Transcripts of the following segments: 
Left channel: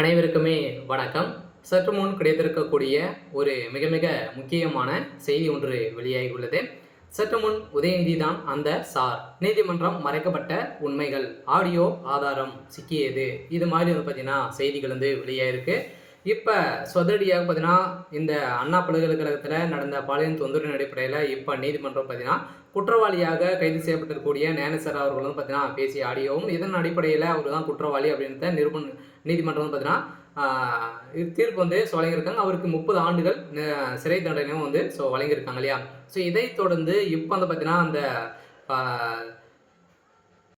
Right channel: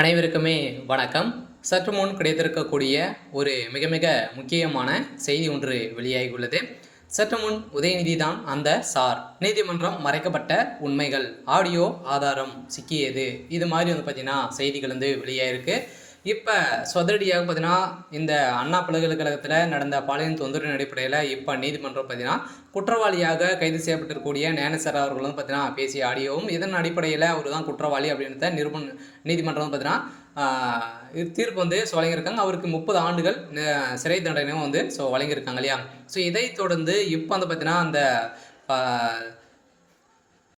அனைவருக்குமே வணக்கம். சற்று முன் கிடைத்திருக்கக்கூடிய ஒரு மிக மிக முக்கியமான செய்தி ஒன்று வெளியாகியுள்ளது. சற்று முன் உதயநிதி தான் அந்த சார். நீதிமன்றம் மறைக்கப்பட்ட உண்மைகள், ஆடியோ ஆதாரம் சிக்கியது. இது மாதிரி பார்த்தீங்கன்னா செய்திகள் வெளியாயிருக்கு. இப்போ சொதடியாக பார்த்தீங்கன்னா இந்த அண்ணா பல்கலைக்கழகத்தில் நடந்த பாலியல் தொந்தரவின் அடிப்படையில் இப்போ நீதிமன்றம் பார்த்தீங்கன்னா குற்றவாளியாக கைது செய்யப்பட்டிருக்கக்கூடிய ஞானசேகர் அவர்கள் பார்த்தீங்கன்னா பேசிய ஆடியோவும் இதன் அடிப்படையில் அவர் தான் குற்றவாளி அப்படின்றத நீதிமன்றம் பார்த்தீங்கன்னா தீர்ப்பு வழங்கியிருக்காங்க. அவருக்கு 30 ஆண்டுகள் சிறை தண்டனையும் வழங்கியிருக்காங்க இல்லையா. ஸோ இதை தொடர்ந்து இப்போ பார்த்தீங்கன்னா அந்த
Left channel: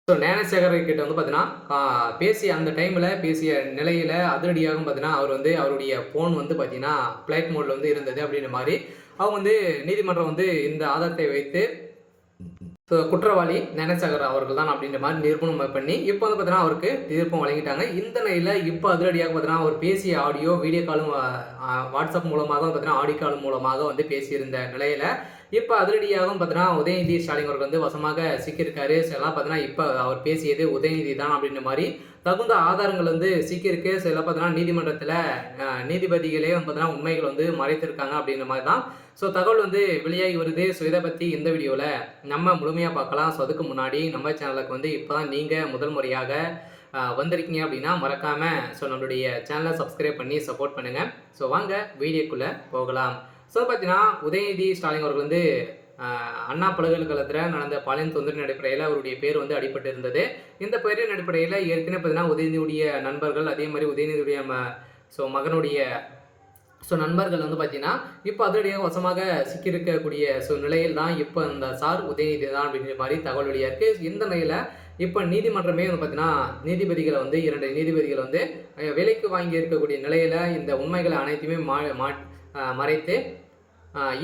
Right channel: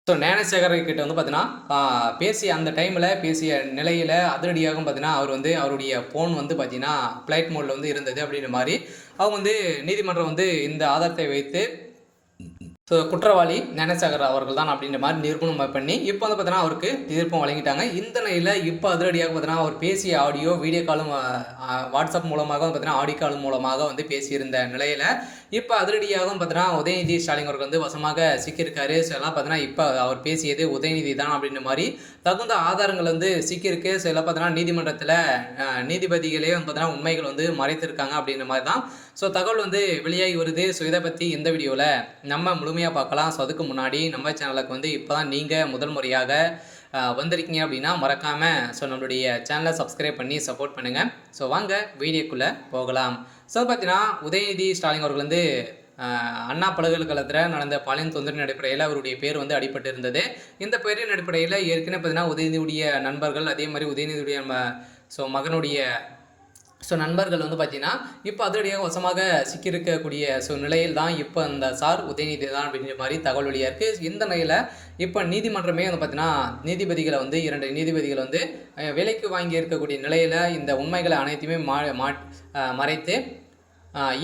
ஞானசேகர் கிட்ட பார்த்தீங்கன்னா பேசிய அந்த டைமில் பேசிய நிலையில் அதிரடியாகவும் பார்த்தீங்கன்னா அவர் அவருடைய ஃபோன் பார்த்தீங்கன்னா ஃப்ளைட் மோடில் இருந்தது அப்படின்ற மாதிரி அவங்க நீதிமன்றம் இந்த ஆதாரத்தை வைத்து குற்றவாளி ஞானசேகர் அவர்கள் தான் அப்படின்ற மாதிரி நிரூபணம் பண்ணி இப்போ பார்த்தீங்கன்னா அவருக்கு தீர்ப்பம் வழங்கிட்டாங்க. இந்த நிலையில் இப்போ அதிரடியாக பார்த்தீங்கன்னா அவர் பேசிய ஆடியோ வீடியோ காலும் வாட்ஸ்அப் மூலமாக பார்த்தீங்கன்னா ஆடியோ கால் மூலமாக பேசியிருந்த நிலையில் இப்போ அதிரடியாகவும் பார்த்தீங்கன்னா உதயநிதி ஸ்டாலின் அவர்கள் வசமாக சிக்கியிருக்காரு. ஸோ எல்லாம் பார்த்தீங்கன்னா இப்போ அவர் பேசியது உதயநிதி தான் அப்படின்ற மாதிரி தகுந்த ஆதாரங்கள் சிக்கியிருக்கு. ஸோ எல்லாம் பார்த்தீங்கன்னா நீதிமன்றத்தில் நீதிபதிகளே பார்த்தீங்கன்னா உண்மைகள் மறைத்திருக்காங்க அப்படின்ற மாதிரி தான் ஸோ தகவல் வெளியாகி வருது. ஸோ இதை பற்றி இந்த வீடியோவில் நம்ம முழுமையாக பார்க்கலாம். ஸோ அதுக்கு முன்னாடி நம்ம சேனலுக்கு இப்போ தான் நீங்கள் முதல் முறையாக வந்திருக்கீங்க அப்படின்னா மறக்காமல் நம்மளுடைய சேனலை சப்ஸ்கிரைப் பண்ணி சப்போர்ட் பண்ணுங்கள். ஸோ வாங்க வீடியோக்குள்ளே போகலாம். ஸோ பார்த்தீங்கன்னா உதயநிதி ஸ்டாலின் அவர்கள் அண்ணா பல்கலைக்கழகத்தில் நடந்த பாலியல் தொந்தரவின் அடிப்படையில் அவருடைய பேர் அடிபட்டு இருந்தது. இந்த பேரின் அடிப்படையில் ஏற்கனவே பார்த்தீங்கன்னா உதயநிதியுடைய நண்பர்கள் அதே மாதிரி உதயநிதியுடைய மகனுடைய நண்பர்கள் பார்த்தீங்கன்னா இப்போ அதிரடியாக வசமாக சிக்கியிருக்கக்கூடிய நிலையில் தான் இப்போ அந்த சார் உதயநிதி தான் அப்படின்ற மாதிரி தகவல் வெளியாக இருக்குது. இந்த நிலையில் இப்போ நீதிமன்றமே பார்த்தீங்கன்னா நீதிபதிகளை 2 நீதிபதிகள் விலைக்கு வாங்கி இருக்கக்கூடிய நிலையில் இந்த உண்மைகளை அனைத்தையுமே மறைத்து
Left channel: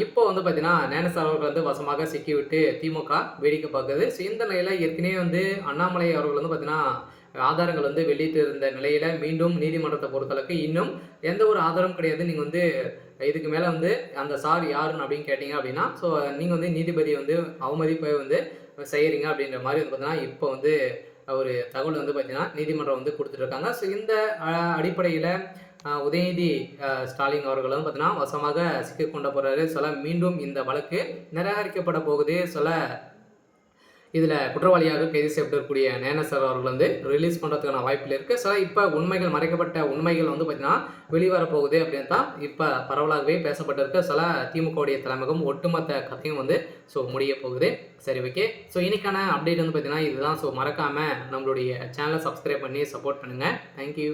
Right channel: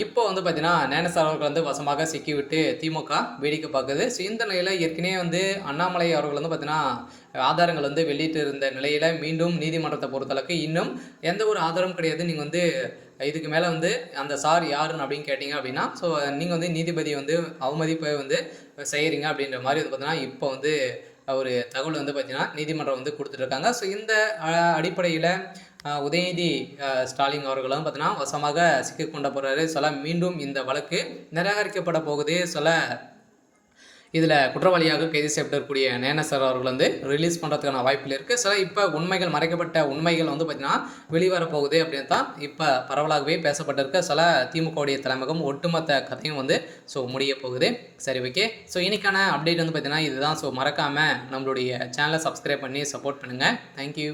இப்போ பார்த்தீங்கன்னா ஞானசேகர் அவர்கள் வசமாக சிக்கிவிட்டு திமுக வேடிக்கை பார்க்குது. ஸோ இந்த நிலையில் ஏற்கனவே அண்ணாமலை அவர்கள் பார்த்தீங்கன்னா ஆதாரங்கள் வெளியிட்டு இருந்த நிலையில் மீண்டும் நீதிமன்றத்தை பொறுத்தளவுக்கு இன்னும் எந்த ஒரு ஆதாரமும் கிடையாது. நீங்கள் இதுக்கு மேலே அந்த சார் யாருன்னு அப்படின்னு கேட்டிங்க அப்படின்னா ஸோ நீங்கள் நீதிபதி அவமதிப்பை செய்கிறீங்க அப்படின்ற மாதிரி பார்த்தீங்கன்னா இப்போ ஒரு தகவல் பார்த்தீங்கன்னா நீதிமன்றம் கொடுத்துட்ருக்காங்க. ஸோ இந்த அடிப்படையில் உதயநிதி ஸ்டாலின் அவர்களும் பார்த்தீங்கன்னா வசமாக சிக்கிக்கொண்ட போகிறாரு. சில மீண்டும் இந்த வழக்கு நிராகரிக்கப்பட போகுது. சில இதில் குற்றவாளியாக கைது செய்யப்பட்டிருக்கக்கூடிய ஞானசேகர் அவர்கள் ரிலீஸ் பண்ணுறதுக்கான வாய்ப்பில் இருக்குது. சில இப்போ உண்மைகள் மறைக்கப்பட்ட உண்மைகள் பார்த்தீங்கன்னா வெளிவரப்போகுது அப்படின்னு தான் இப்போ பரவலாகவே பேசப்பட்டிருக்க. சில திமுகவுடைய தலைமையும் ஒட்டுமொத்த கதையும் முடிய போகுது. சரி, ஓகே. ஸோ இன்னைக்கான அப்டேட் பார்த்தீங்கன்னா இதுதான். ஸோ மறக்காமல் நம்மளுடைய சேனலை சப்ஸ்கிரைப் பண்ணி சப்போர்ட் பண்ணுங்கள். தேங்க்யூ.